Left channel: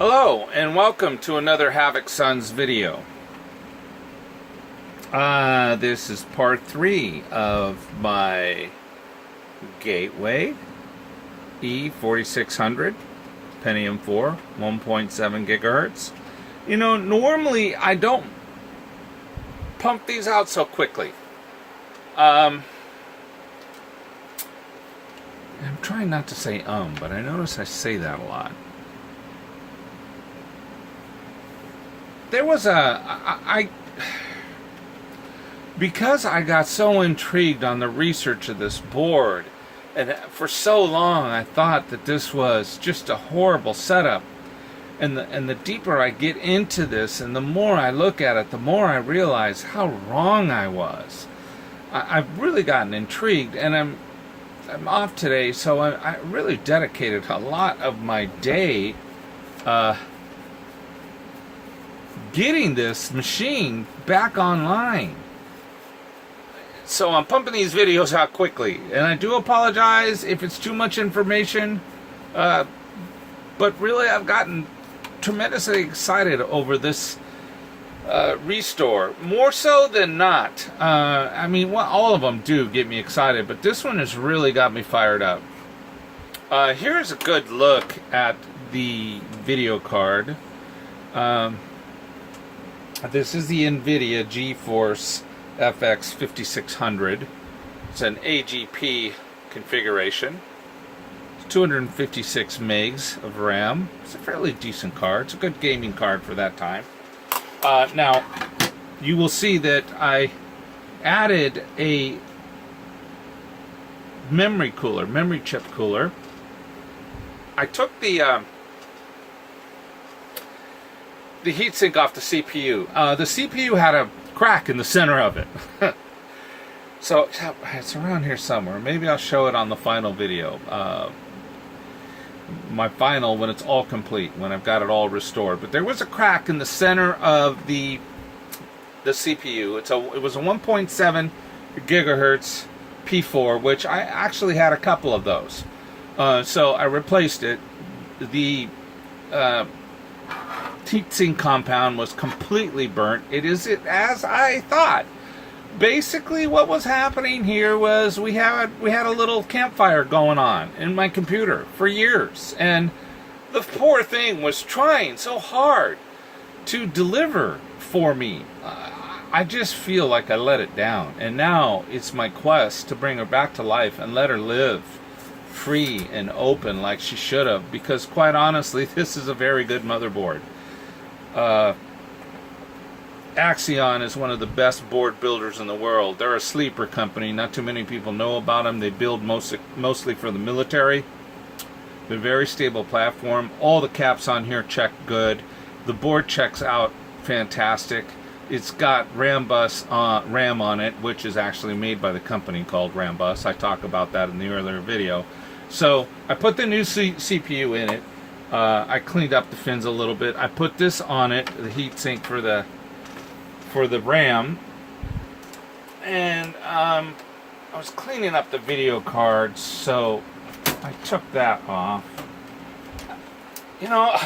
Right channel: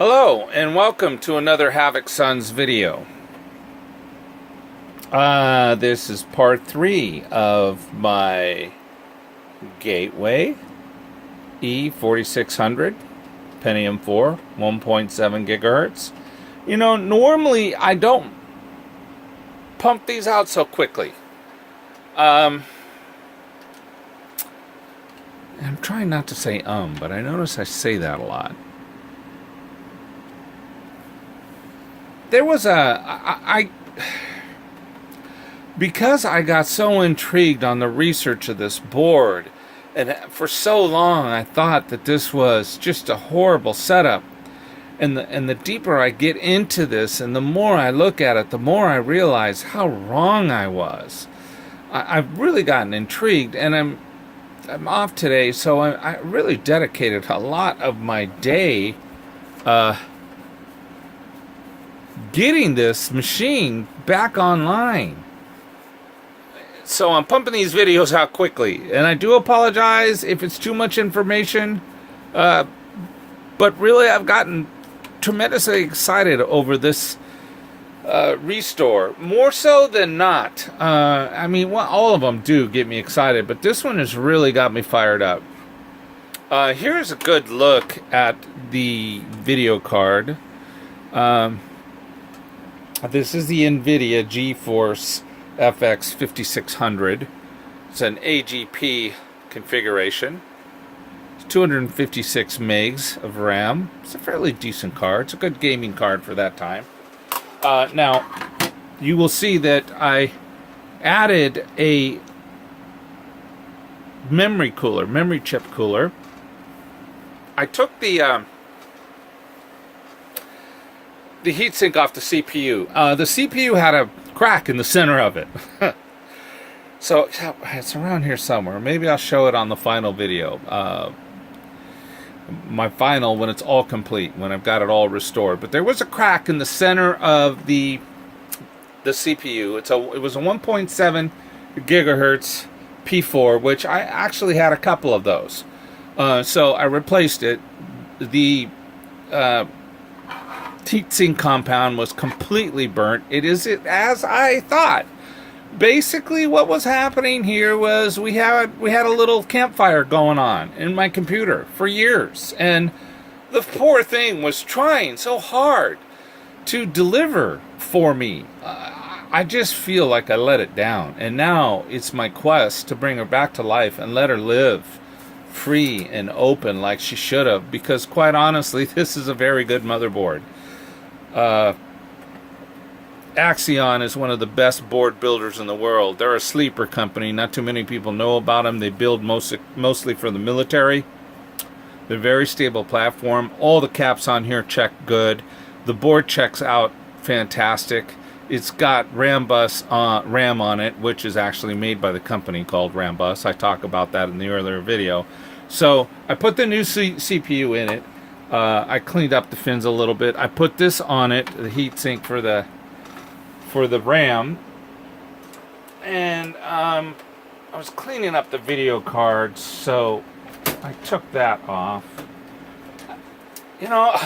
Hello and welcome to another Havoc Sons video. This is part 3 of my Gateway E4600 Pentium 4 1.7 gigahertz. You know, normally I don't pump these out so quickly. I'm trying not to say but I notice I say that a lot. There was because I got so intrigued on the research of this board, and for so long I thought that this was just a horrible setup. And the deeper I get into this, and the more I look at it, the more I realize how wrong I was. I've really gotten intrigued, and I'm off today, so I really dedicated a lot of my day getting this machine back online. So I'm pumping these videos out quickly, and I do apologize if it's too much information, but really I've gotten tremendously excited over this restore, more so than not. I mean, all of them do get me excited, but this one has really got me fired up. Here's a good look at the video card. This is the NVIDIA GeForce FX 5600. It's an AGP configuration. It's 256 megs of RAM. It's a fairly decent card. It's a good gaming card for that time. Now, you will see that I added a memory chip cooler. I took the heatsink off the CPU. The CPU had a crack in the center of it. So it's around here somewhere. Maybe I'll show it on the final video. My final, when it's all complete, when I've got it all restored. But there was a crack in the center of the CPU. It was a 1.7 gigahertz P4, which I actually had a couple of those. So I replaced it. The heatsink compound was completely burnt. It is as I thought. Basically, what was happening here was we had a little campfire going on in my computer for years, and the poor thing was trying so hard to deliver for me. I just feel like I let it down, and now it's my quest to bring her back to life and let her live free and open like she should have, because quite honestly, this is a very good motherboard. Axion is one of the best board builders in the world. They're a sleeper company. Not too many people know about them. They build mostly for the military. They're a very stable platform. All the caps on here check good. The board checks out fantastic. It's got RAM on it, which is actually made by the company called Rambus. I talk about that in the earlier video. So I put the new CPU in it. I cleaned up the fins a little bit. I put this on it, the heatsink for the RAM, and I was cleaning up the video cards, so I took that off. You know,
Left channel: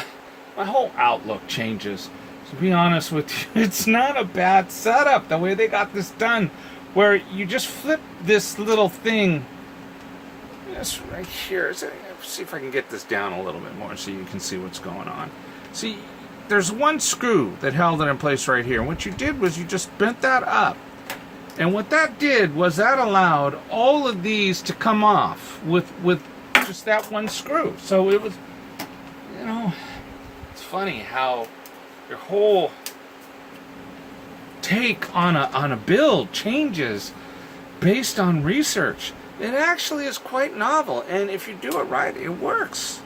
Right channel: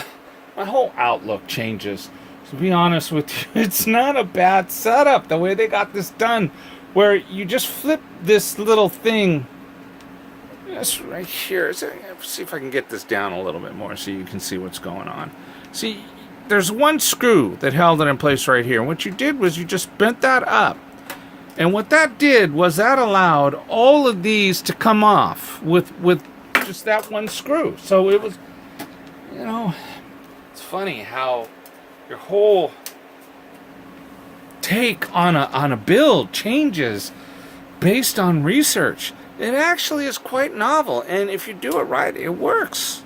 my whole outlook changes. To be honest with you, it's not a bad setup the way they got this done, where you just flip this little thing. This right here. Let's see if I can get this down a little bit more so you can see what's going on. See, there's one screw that held it in place right here. And what you did was you just bent that up. And what that did was that allowed all of these to come off with just that one screw. So it was, you know, it's funny how your whole take on a build changes based on research. It actually is quite novel, and if you do it right, it works.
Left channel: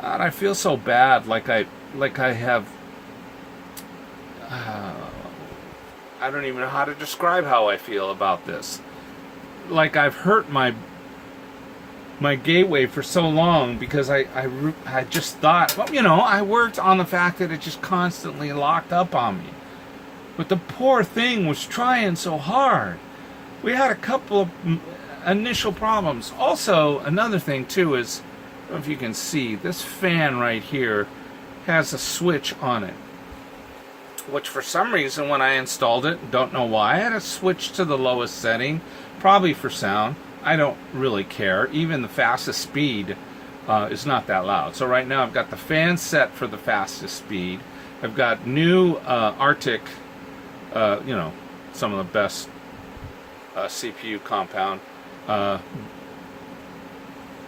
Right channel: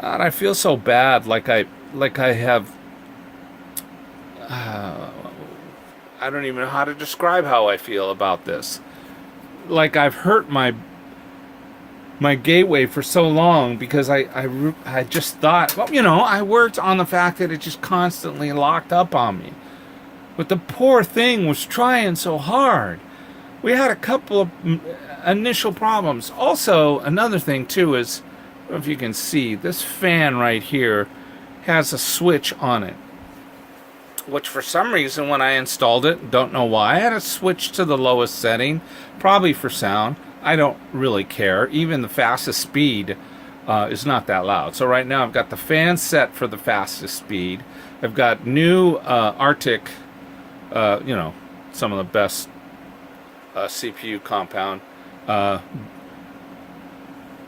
And I feel so bad, like I have. I don't even know how to describe how I feel about this. Like I've hurt my Gateway for so long because I just thought, well, you know, I worked on the fact that it just constantly locked up on me. But the poor thing was trying so hard. We had a couple of initial problems. Also, another thing too is, I don't know if you can see, this fan right here has a switch on it, which for some reason when I installed it, don't know why, I had to switch to the lowest setting, probably for sound. I don't really care. Even the fastest speed is not that loud. So right now I've got the fan set for the fastest speed. I've got new Arctic, some of the best CPU compound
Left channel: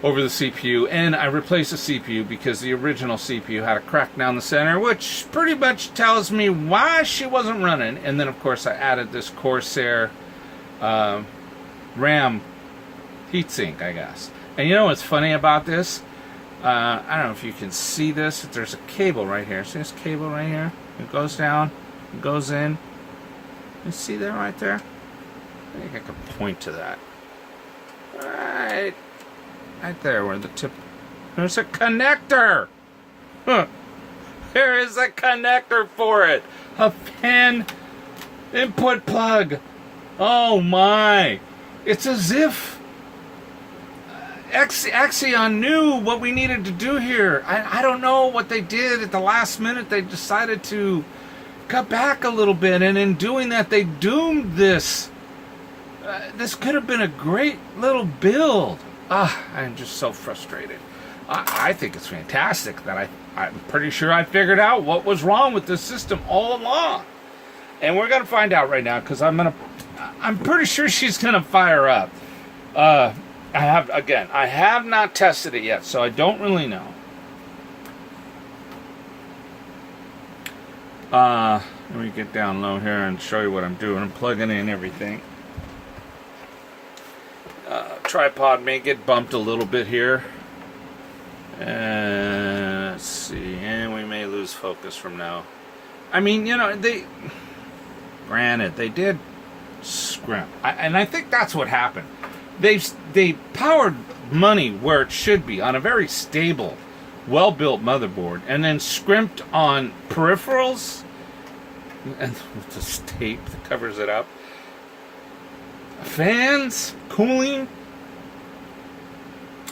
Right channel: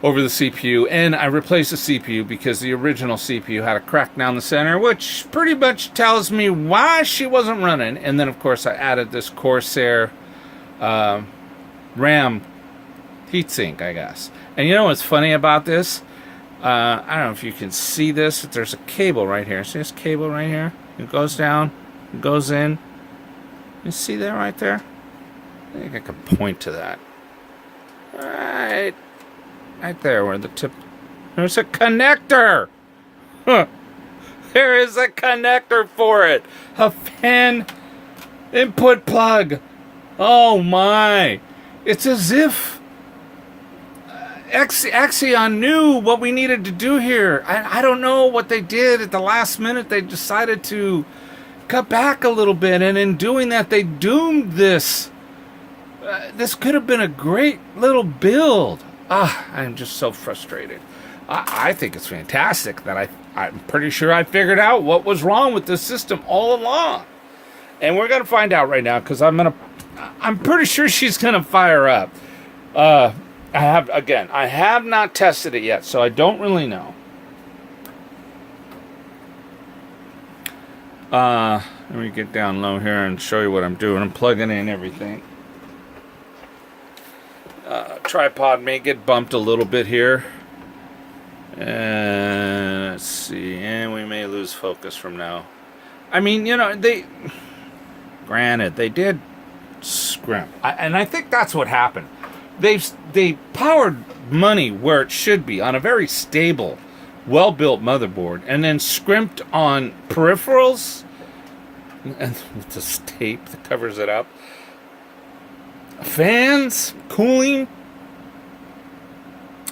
over the CPU, and I replaced the CPU because the original CPU had a crack down the center, which pretty much tells me why she wasn't running. And then of course I added this Corsair RAM heatsink, I guess. And you know what's funny about this? I don't know if you can see this, but there's a cable right here. See this cable right here? It goes down, it goes in. You see that right there? I think I can point to that. Right there where the tip... There's a connector! Huh. There is a connector for it! A fan input plug! Oh my! It's as if Axion knew what we needed to do here. I don't know what they did at the last minute. They decided to cut back a little bit, and in doing that, they doomed this. This could have been a great little build. I'm just so frustrated. I think it's fantastic that I'm pretty sure I figured out what was wrong with this system all along. And we're going to find out right now, because I'm pretty sure she's going to fire up. I have not tested it yet, so I don't really know. Let me get down low here and show you what I'm doing. I'm plugging in everything. Tripod may get bumped a little bit here. Let's see. And we may lose focus from now. I mean, granted, they did scrimp. And I think that's what happened. They powered money where it should be, on a very stable, well-built motherboard, and then scrimped on peripherals, and with this tape that covers it up. Fans, cooling,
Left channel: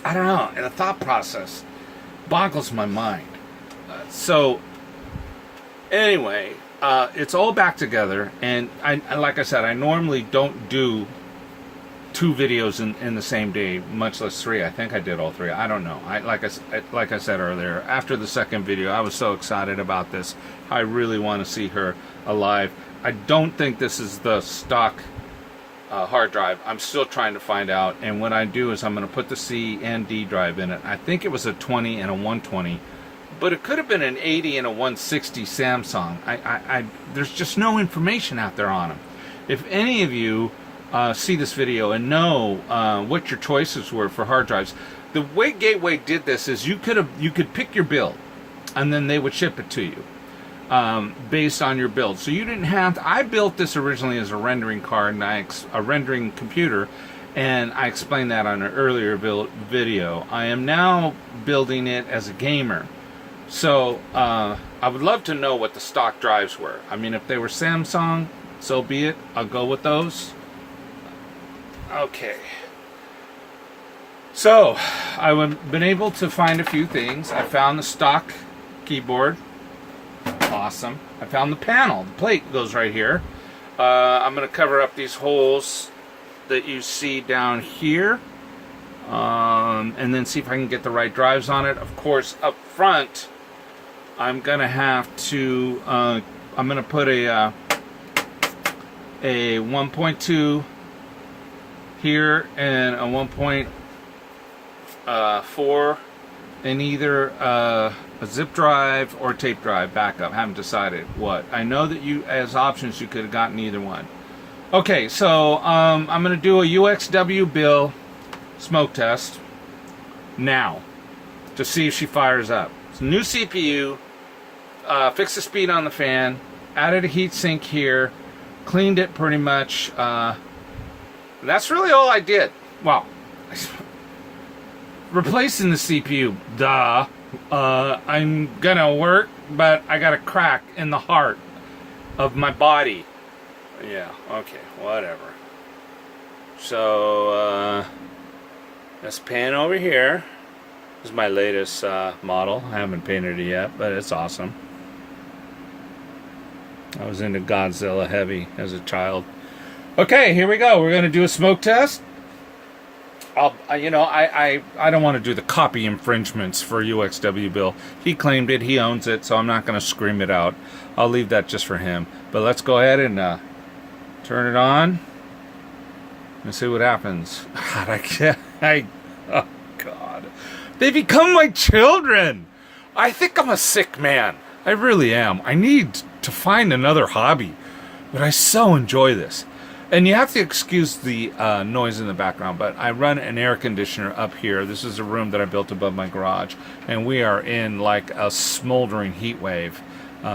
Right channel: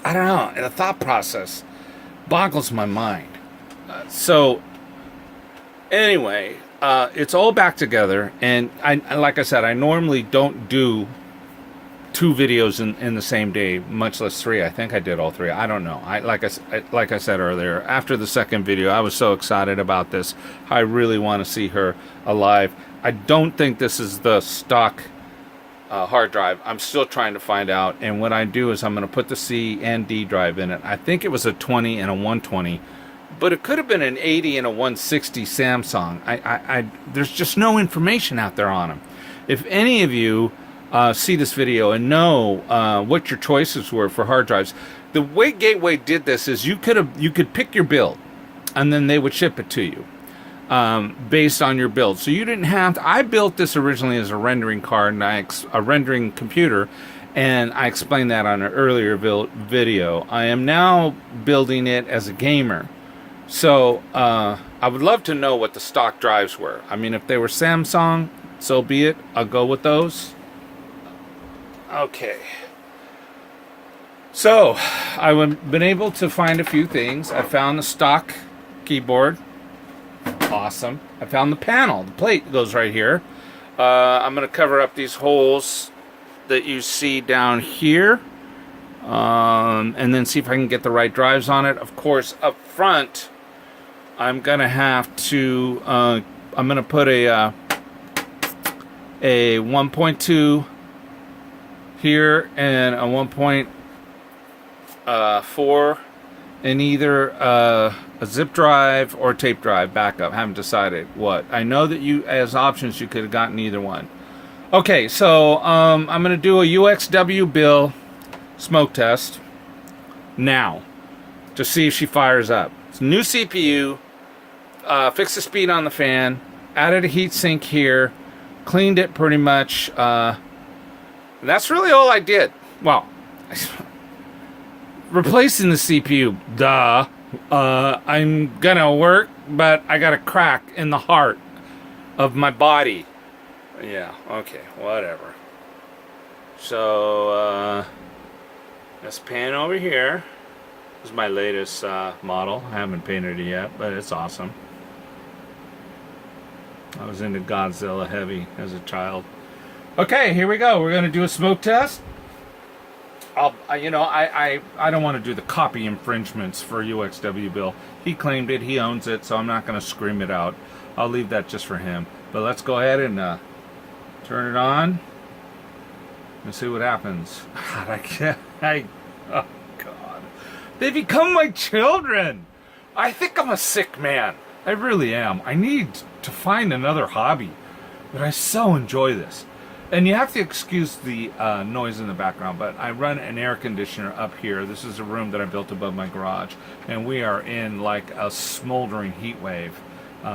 I don't know. And the thought process boggles my mind. Anyway, it's all back together, and like I said, I normally don't do 2 videos in the same day, much less 3. I think I did all 3. I don't know. Like I said earlier, after the second video, I was so excited about this. I really want to see her alive. I don't think this is the stock hard drive. I'm still trying to find out, and what I do is I'm going to put the C and D drive in it. I think it was a 20 and a 120, but it could have been an 80 and a 160 Samsung. There's just no information out there on them. If any of you see this video and know what your choices were for hard drives, the way Gateway did this is you could pick your build, and then they would ship it to you based on your build. So you didn't have to. I built this originally as a rendering card and a rendering computer, and I explained that on an earlier video. I am now building it as a gamer. So I would love to know what the stock drives were. I mean, if they were Samsung, so be it. I'll go with those. Okay. So I've been able to find a few things. I found the stock keyboard. Awesome. I found the panel. The plate goes right here. I'm going to cover up these holes that you see down here, and then see if I can get the right drives on it. Of course, up front, I'm going to have to, I'm going to put a 1.2 here and a 1.4 in either a zip drive or tape drive backup. Haven't decided what. I know that you, as options, you could have gotten either one. Okay, so I'm going to do a UXW Bill smoke test now to see if she fires up. It's a new CPU, fixed the speed on the fan, added a heat sink here, cleaned it pretty much. And that's really all I did. Well, replacing the CPU, duh. I'm gonna work, but I got a crack in the heart of my body. Yeah, okay, whatever. So, let's pan over here. This is my latest model. I haven't painted it yet, but it's awesome. I was into Godzilla heavy as a child. Okay, here we go. We're going to do a smoke test. I don't want to do the copy infringements for UXW Bill. He claimed it. He owns it, so I'm not going to scream it out. I'll leave that just for him. But let's go ahead and turn it on and see what happens. God, I can't. Oh, God. They become my children. I think I'm a sick man. I really am. I need to find another hobby. But I so enjoy this. And you have to excuse the noise in the background, but I run an air conditioner up here. This is a room that I built above my garage, and we are in like a smoldering heat wave.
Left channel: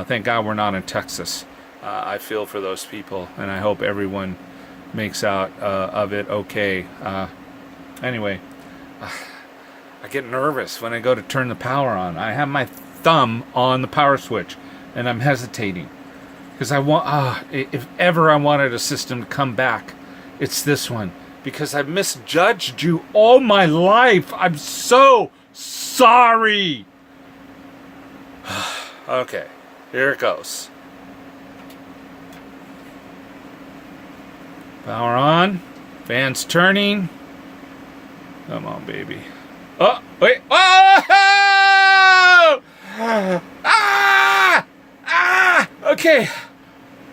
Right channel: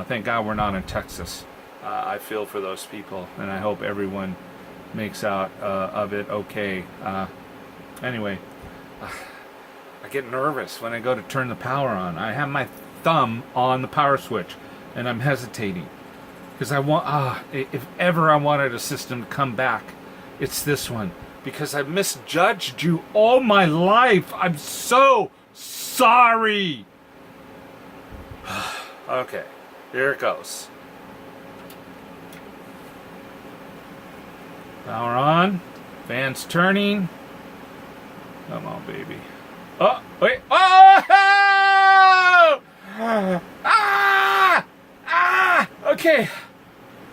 Thank God we're not in Texas. I feel for those people, and I hope everyone makes out of it okay. Anyway, I get nervous when I go to turn the power on. I have my thumb on the power switch, and I'm hesitating. Because I want, if ever I wanted a system to come back, it's this one. Because I misjudged you all my life. I'm so sorry. Okay, here it goes. Power on. Fans turning. Come on, baby. Oh, wait. Oh! Okay.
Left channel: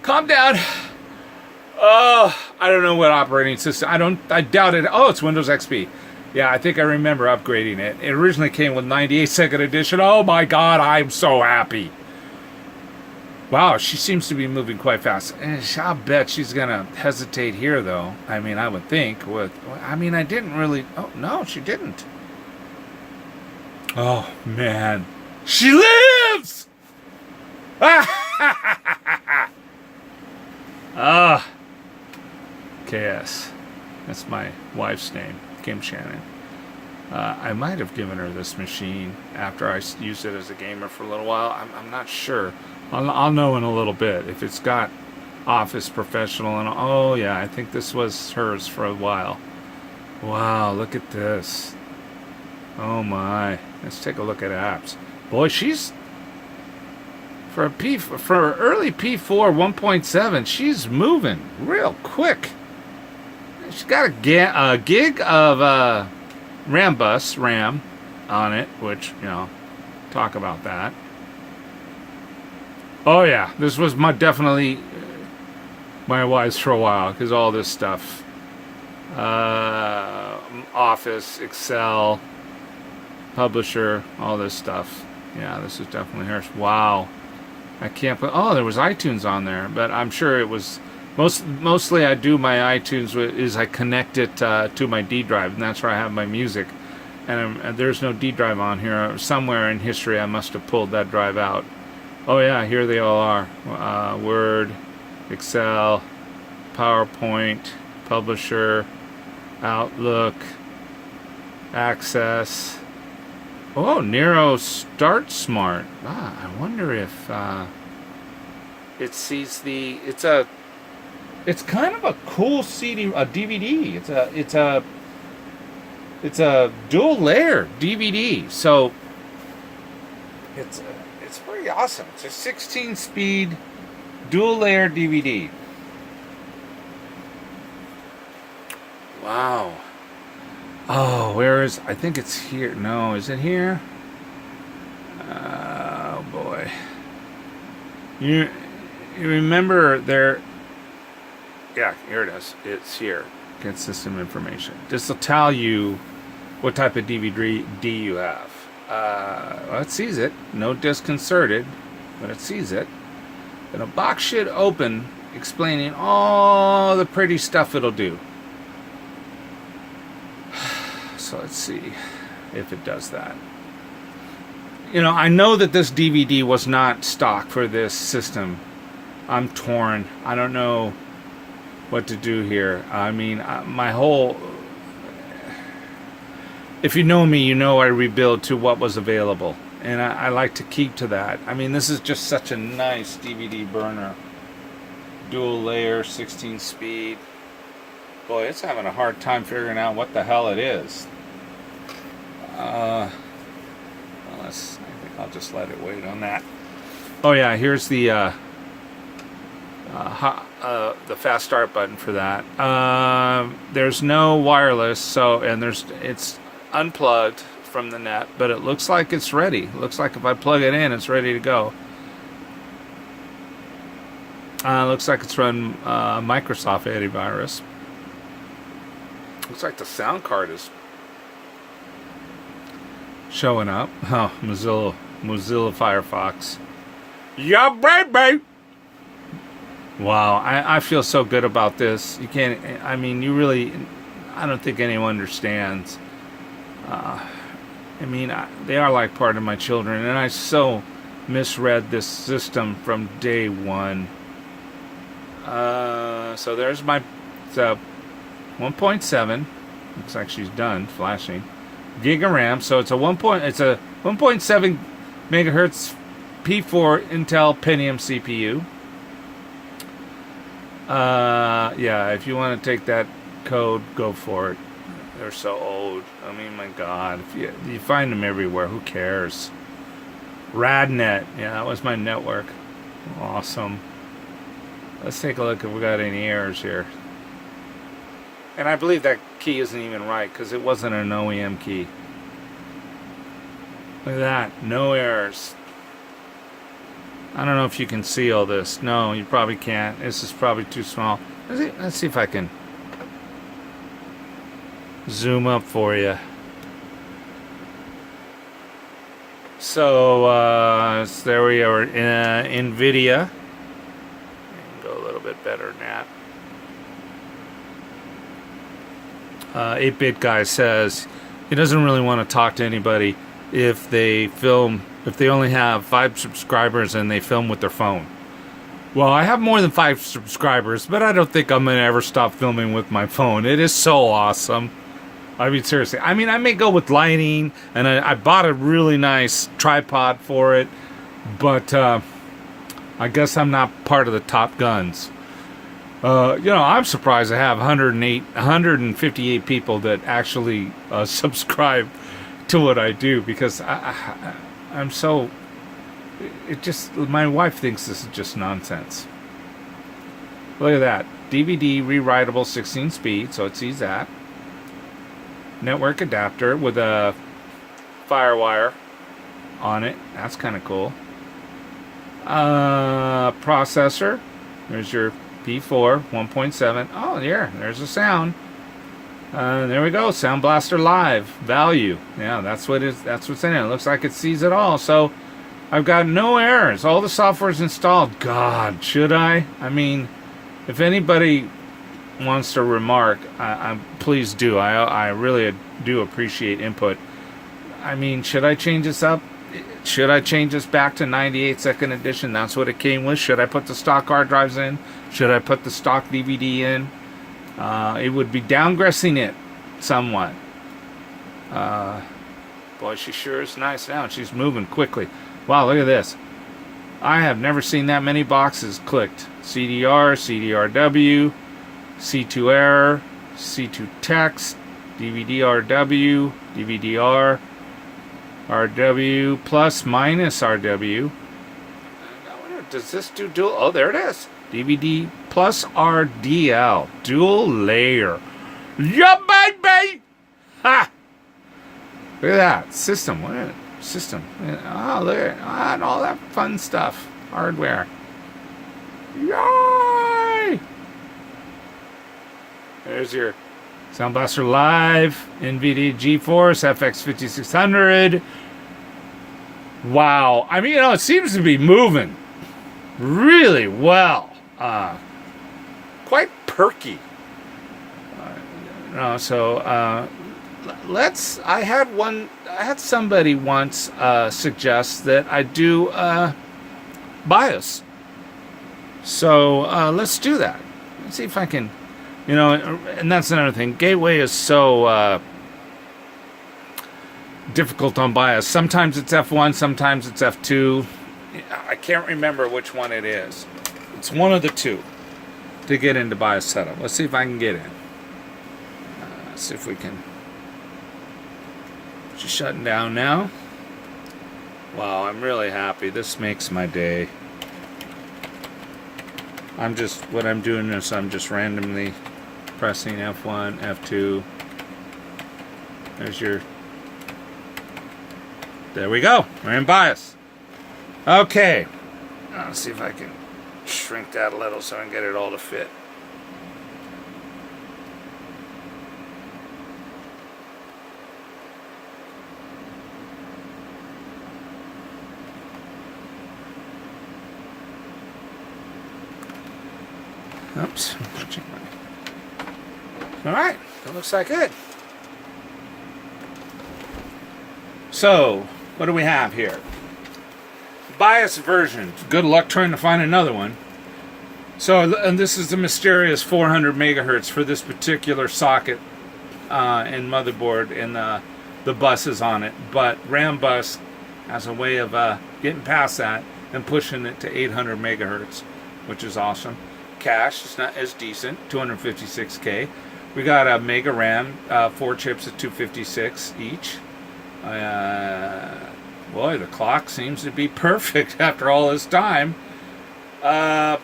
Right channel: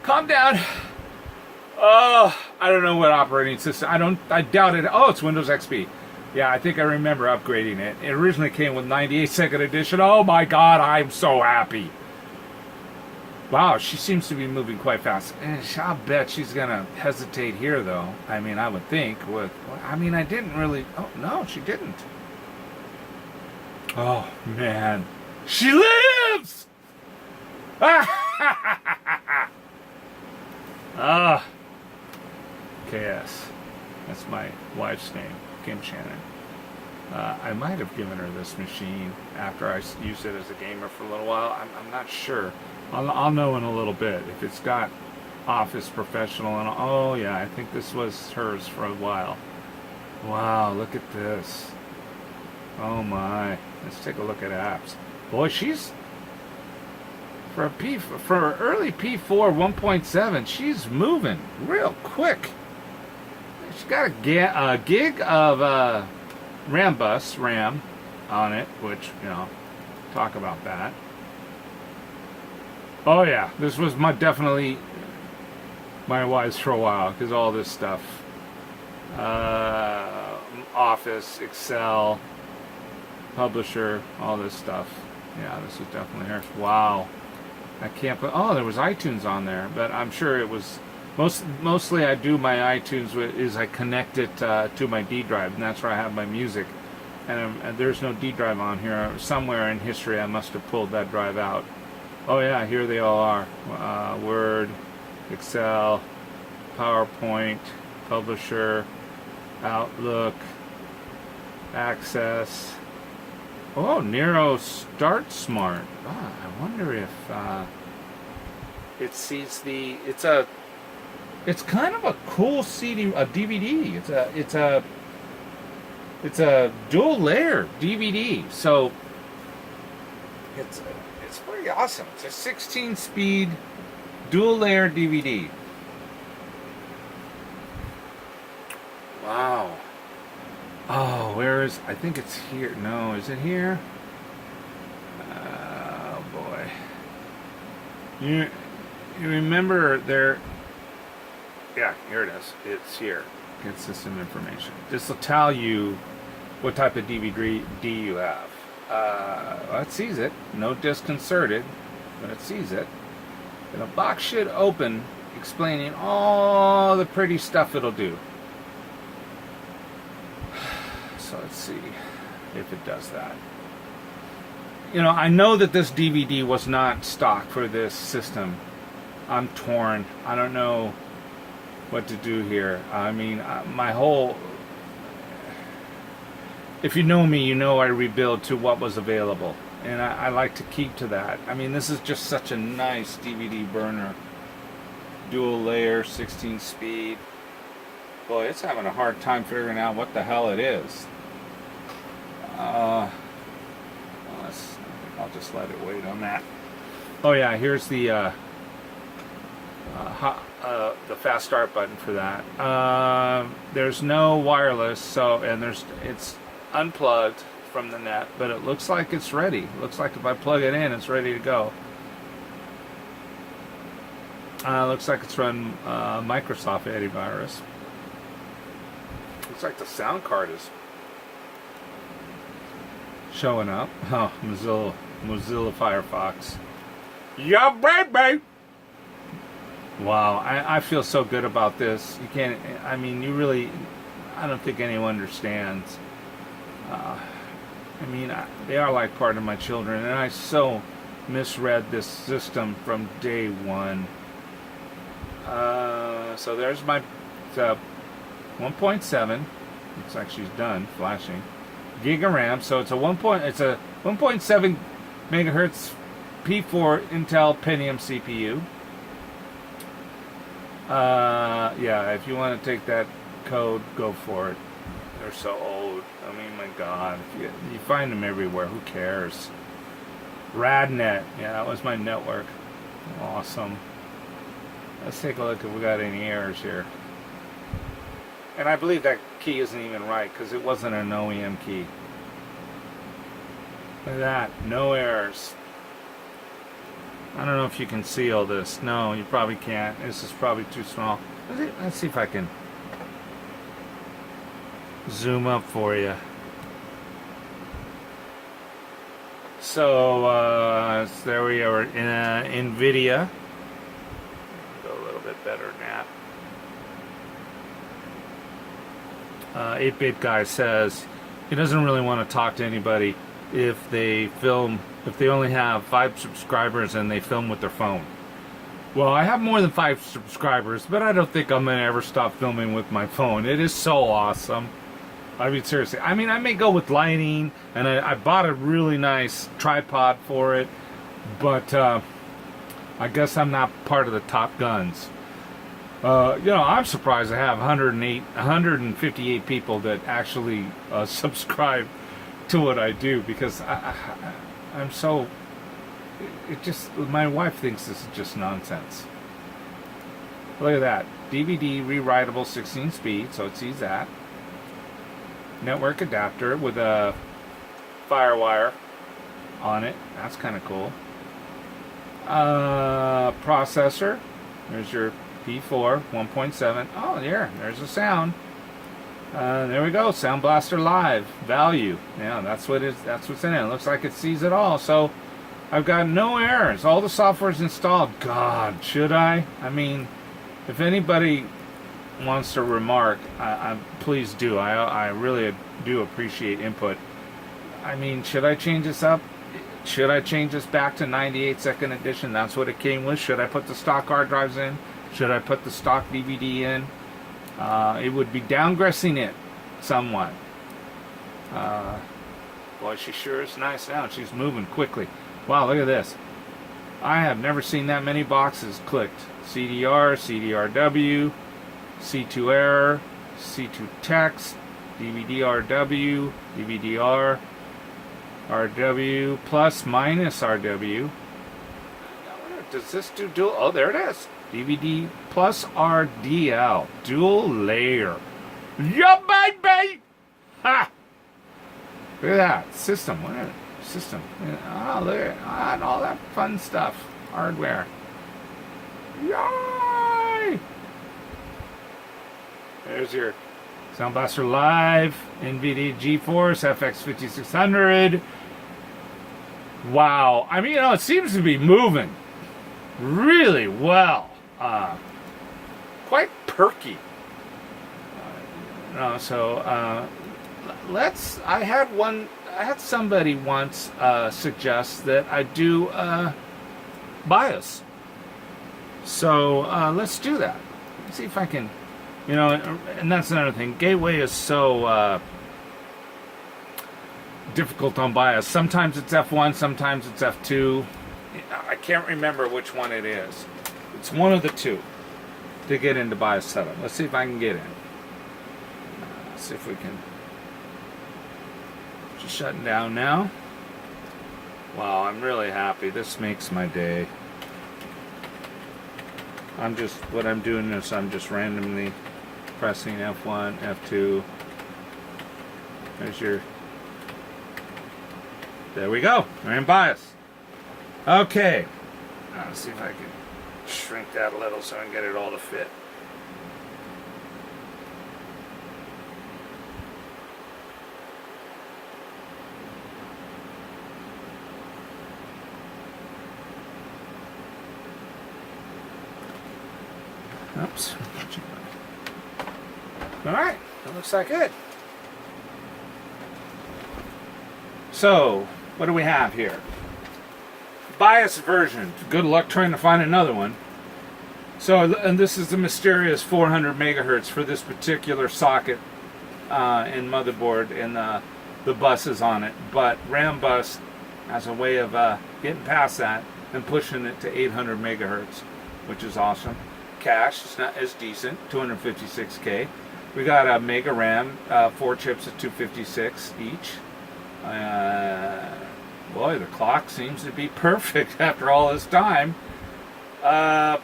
Calm down. Oh, I don't know what operating system. I doubt it. Oh, it's Windows XP. Yeah, I think I remember upgrading it. It originally came with 98 second edition. Oh my God, I'm so happy. Wow, she seems to be moving quite fast. I'll bet she's going to hesitate here, though. I mean, I would think. I didn't really. Oh, no, she didn't. Oh, man. She lives! KS. That's my wife's name, Kim Shannon. I might have given her this machine after I used it as a gamer for a little while. I'm not sure. I'll know in a little bit if it's got Office Professional and oh yeah, I think this was hers for a while. Wow, look at this. Oh my. Let's take a look at apps. Boy, she's for early P4 1.7, she's moving real quick. She's got a gig of RAM on it, which, talk about that. Oh yeah, this was definitely my wife's for a while, because all this stuff. Office, Excel, Publisher, all this stuff. Yeah, this is definitely hers. Wow. I can't put. Oh, there was iTunes on there, but I'm sure it was mostly. I do my iTunes is I connect it to my D drive, and that's where I have my music. And there's no D drive on here. Somewhere in history, I must have pulled that drive out. Oh yeah, here they all are: Word, Excel, PowerPoint, Publisher, Outlook, Access. Oh, Nero Start Smart. I wonder if it sees the. It's kind of a cool CD, a DVD. It's a dual layer DVD. So it's pretty awesome. It's a 16 speed dual layer DVD. Wow. Oh, where is... I think it's here. No, is it here? Oh, boy. You remember there... Yeah, here it is. It's here. Get system information. This will tell you what type of DVD you have. Well, it sees it. No disk inserted, but it sees it. And a box should open explaining all the pretty stuff it'll do. So let's see if it does that. I know that this DVD was not stock for this system. I'm torn. I don't know what to do here. I mean, my whole... If you know me, you know I rebuild to what was available. And I like to keep to that. I mean, this is just such a nice DVD burner. Dual layer, 16 speed. Boy, it's having a hard time figuring out what the hell it is. I'll just let it wait on that. Oh yeah, here's the fast start button for that. There's no wireless, so it's unplugged from the net, but it looks like it's ready. It looks like if I plug it in, it's ready to go. Looks like it's run Microsoft antivirus. Looks like the sound card is showing up. Oh, Mozilla Firefox. Yeah, baby! Wow, I feel so good about this. You can't, I mean, you really, I don't think anyone understands. I mean, they are like part of my children, and I so misread this system from day one. So there's my 1.7. Looks like she's done flashing. Gig of RAM. So it's a 1.7 megahertz P4 Intel Pentium CPU. Yeah, if you want to take that code, go for it. They're so old. I mean, my God, if you find them everywhere. Who cares? Radnet. Yeah, that was my network. Awesome. Let's take a look if we got any errors here. And I believe that key isn't even right because it wasn't an OEM key. Look at that. No errors. I don't know if you can see all this. No, you probably can't. This is probably too small. Let's see if I can zoom up for you. So there we are in NVIDIA. Go a little bit better than that. 8-Bit Guy says he doesn't really want to talk to anybody if they only have 5 subscribers and they film with their phone. Well, I have more than 5 subscribers, but I don't think I'm going to ever stop filming with my phone. It is so awesome. I mean, seriously. I mean, I may go with lighting, and I bought a really nice tripod for it, but I guess I'm not part of the top guns. I'm surprised I have 158 people that actually subscribe to what I do, because I'm so, my wife thinks this is just nonsense. Look at that. DVD rewritable 16 speed, so it sees that. Network adapter with a FireWire on it. That's kind of cool. Processor. There's your P4 1.7. Oh, there's the sound. There we go. Sound Blaster Live value. Yeah, that's what's in it. It looks like it sees it all. So I've got no errors. All the software is installed. God, should I? I mean, if anybody wants to remark, please do. I really do appreciate input. I mean, should I change this up? Should I change this back to 98 second edition? That's what it came with. Should I put the stock hard drives in? Should I put the stock DVD in? It would be downgressing it somewhat. Boy, she sure is nice now. She's moving quickly. Wow, look at this. I have never seen that many boxes clicked. CDR, CDRW, C2 error, C2 text, DVD-RW, DVD-R, RW, plus minus RW. Does this do dual? Oh, there it is. DVD plus RDL. Dual layer. Yeah, baby! Ha! Look at that. System. What is it? System. Oh, look at and all that fun stuff. Hardware. Yay! There's your Sound Blaster Live, NVIDIA GeForce FX 5600. Wow. I mean, it seems to be moving really well. Quite perky. I had somebody once suggest that I do BIOS. So let's do that. Let's see if I can, and that's another thing. Gateway is so difficult on BIOS. Sometimes it's F1, sometimes it's F2. I can't remember which one it is. It's one of the two to get into BIOS setup. Let's see if I can get in. Let's see if we can. Just shutting down now. Wow, I'm really happy. This makes my day. What I'm doing is I'm just randomly pressing F1, F2. There's your, there we go. We're in bias. Okay. Let's see if I can shrink that a little so I can get it all to fit. Oops. All right, that looks like it. So, what do we have here? Bias version. Good luck trying to find another one. So, and this is the mysterious 400 megahertz for this particular socket and motherboard, and the buses on it. But RAM bus has a way of getting past that and pushing it to 800 megahertz, which is awesome. Cache is not as decent, 256K. We got a Mega RAM, 4 chips at 256 each. Boy, the clock seems to be perfect after all this time.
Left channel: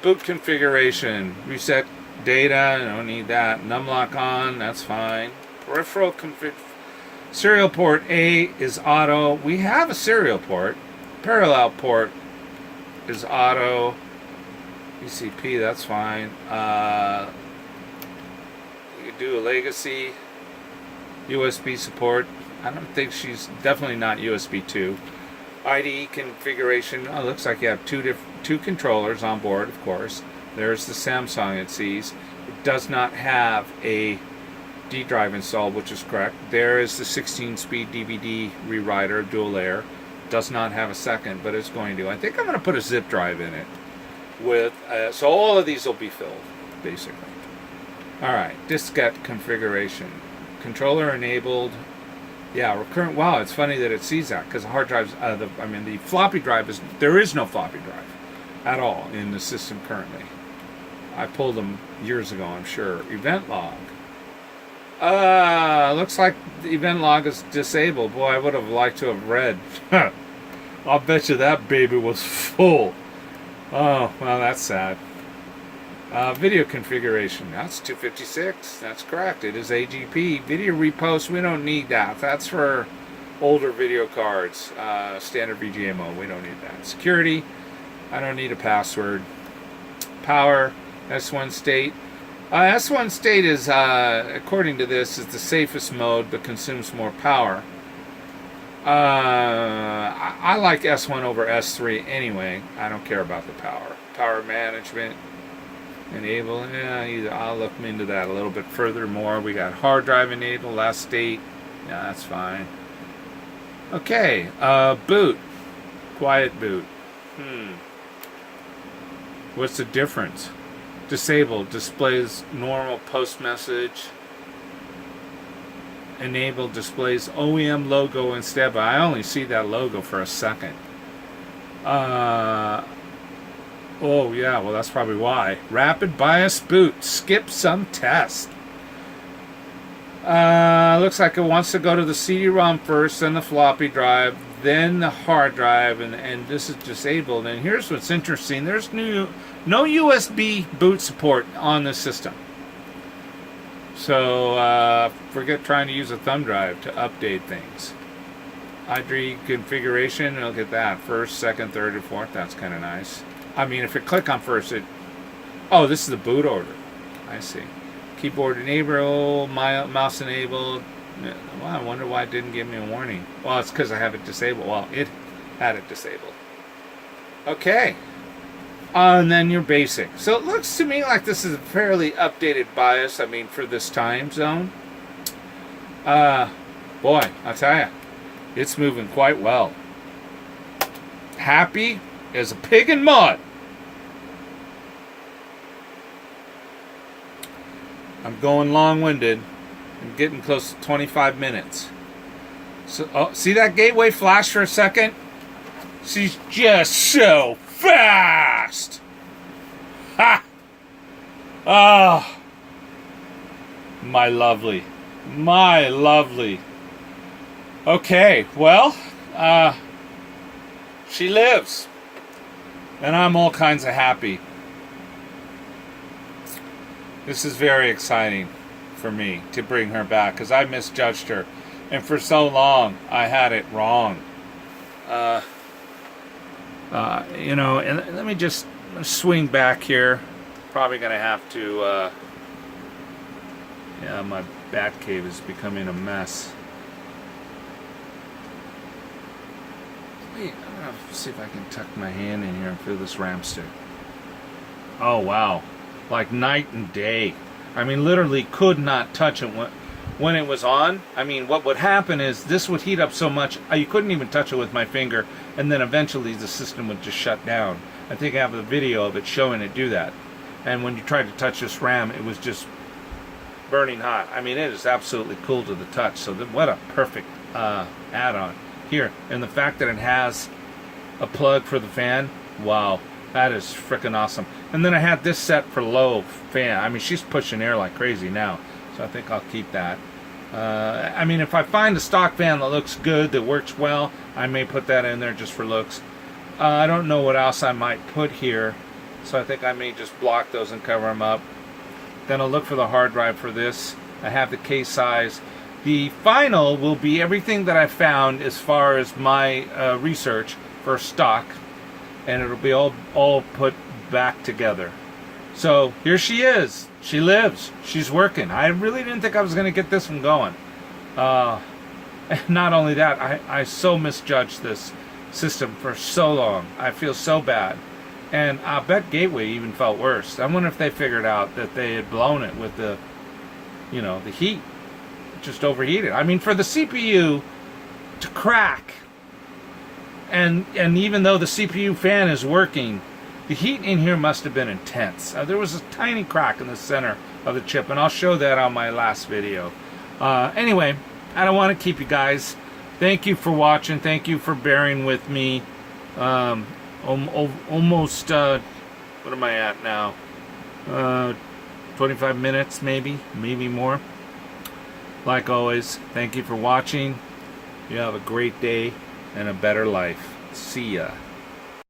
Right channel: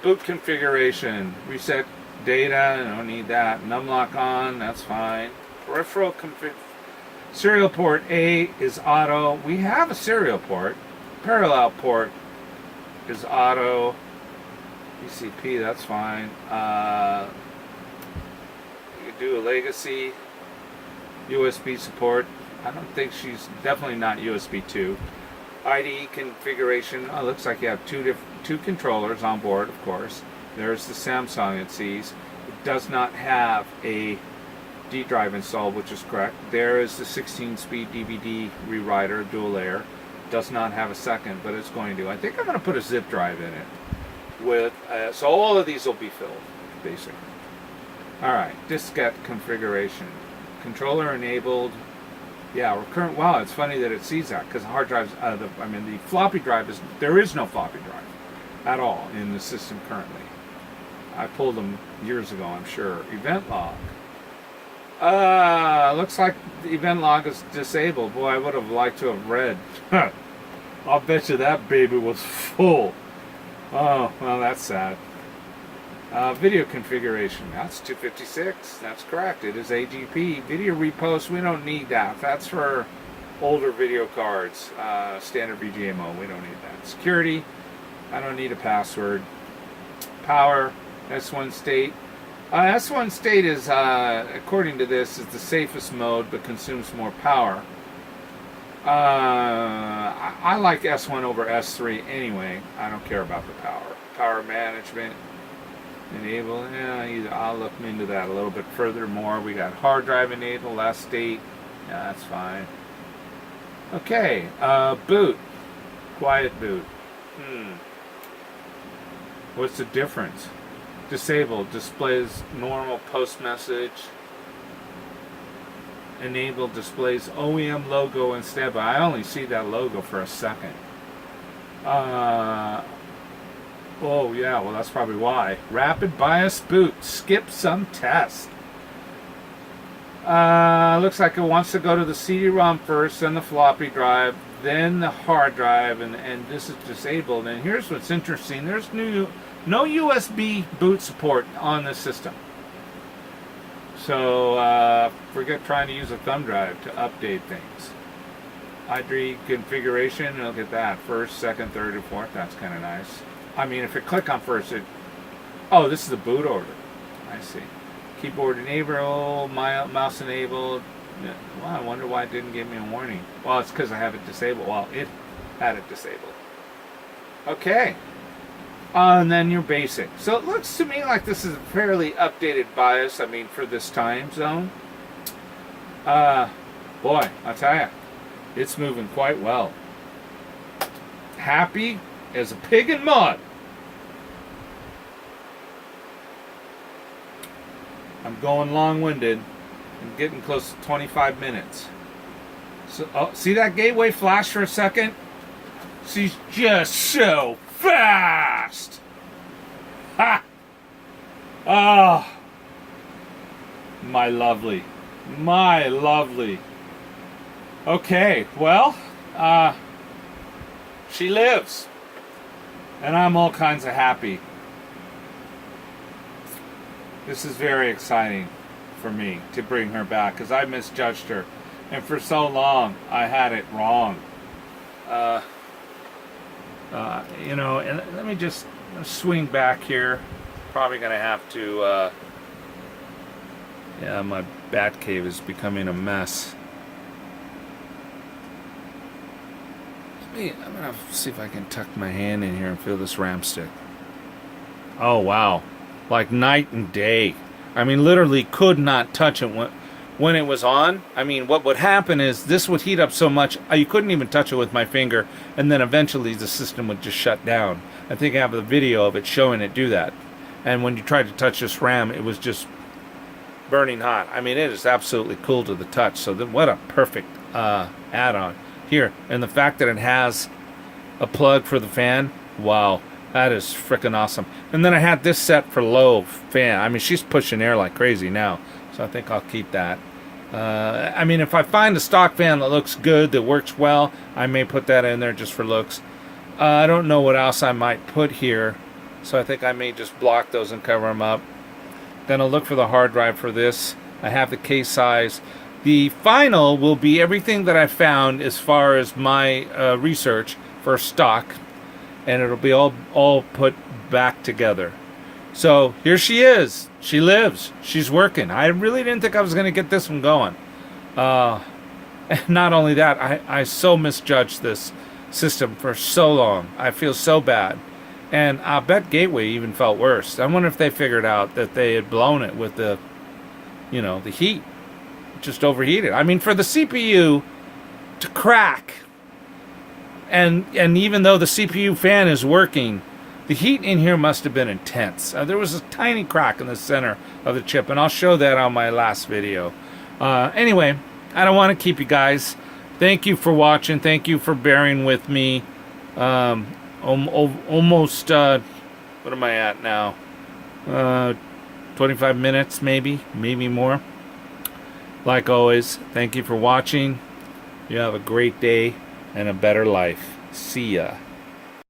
Boot configuration, reset data, I don't need that. Numlock on, that's fine. Peripheral config. Serial port A is auto. We have a serial port. Parallel port is auto. ECP, that's fine. You could do a legacy. USB support. I don't think she's definitely not USB 2. IDE configuration. Oh, looks like you have two controllers on board, of course. There's the Samsung it sees. It does not have a D drive installed, which is correct. There is the 16-speed DVD rewriter, dual layer. Does not have a second, but it's going to. I think I'm going to put a zip drive in it. With so all of these will be filled, basically. All right, diskette configuration. Controller enabled. Yeah, recurrent. Wow, it's funny that it sees that because the hard drives. The floppy drive is there is no floppy drive at all in the system currently. I pulled them years ago, I'm sure. Event log. Looks like the event log is disabled. Boy, I would have liked to have read. I'll bet you that baby was full. Oh, well, that's sad. Video configuration. That's 256. That's correct. It is AGP. Video repost. We don't need that. That's for older video cards. Standard VGA. We don't need that. Security. I don't need a password. Power. S1 state. S1 state is, according to this, is the safest mode but consumes more power. I like S1 over S3 anyway. I don't care about the power. Power management. Enable. I'll look into that a little bit further more. We got hard drive enable. Last state. Yeah, that's fine. Okay. Boot. Quiet boot. What's the difference? Disabled. Displays normal post message. Enable displays OEM logo instead, but I only see that logo for a second. Oh yeah, well that's probably why. Rapid BIOS boot. Skip some test. Looks like it wants to go to the CD-ROM first, then the floppy drive, then the hard drive, and this is disabled. And here's what's interesting. There's no USB boot support on this system. So forget trying to use a thumb drive to update things. ID configuration, look at that. First, second, third, and fourth. That's kind of nice. I mean, if you click on first, oh, this is the boot order. I see. Keyboard enabled, mouse enabled. Well, I wonder why it didn't give me a warning. Well, it's because I have it disabled. Well, it had it disabled. Okay. And then your basic. So it looks to me like this is a fairly updated BIOS, I mean, for this time zone. Boy, I'll tell you, it's moving quite well. Happy as a pig in mud. I'm going long-winded. I'm getting close to 25 minutes. So, see that gateway flash for a second? She's just so fast. Ha! Oh, my lovely. My lovely. Okay, well, she lives. And I'm all kinds of happy. This is very exciting for me to bring her back because I misjudged her. And for so long, I had it wrong. You know, and let me just swing back here. Probably going to have to... yeah, my bat cave is becoming a mess. I'm going to see if I can tuck my hand in here and feel this ram stick. Oh, wow. Like night and day. I mean, literally could not touch it when it was on. I mean, what would happen is this would heat up so much, you couldn't even touch it with my finger, and then eventually the system would just shut down. I think I have a video of it showing it do that. And when you tried to touch this RAM, it was just burning hot. I mean, it is absolutely cool to the touch. So what a perfect add-on here. And the fact that it has a plug for the fan, wow, that is freaking awesome. And then I had this set for low fan. I mean, she's pushing air like crazy now, so I think I'll keep that. I mean, if I find a stock fan that looks good, that works well, I may put that in there just for looks. I don't know what else I might put here, so I think I may just block those and cover them up. Then I'll look for the hard drive for this. I have the case size. The final will be everything that I found as far as my research for stock, and it'll be all put back together. So here she is. She lives. She's working. I really didn't think I was going to get this one going. Not only that, I so misjudged this system for so long. I feel so bad. And I bet Gateway even felt worse. I wonder if they figured out that they had blown it with the, you know, the heat. Just overheated. I mean, for the CPU to crack, and even though the CPU fan is working, the heat in here must have been intense. There was a tiny crack in the center of the chip, and I'll show that on my last video. Anyway, I don't want to keep you guys. Thank you for watching. Thank you for bearing with me. Almost, what am I at now? 25 minutes, maybe more. Like always, thank you for watching. You have a great day and a better life. See ya.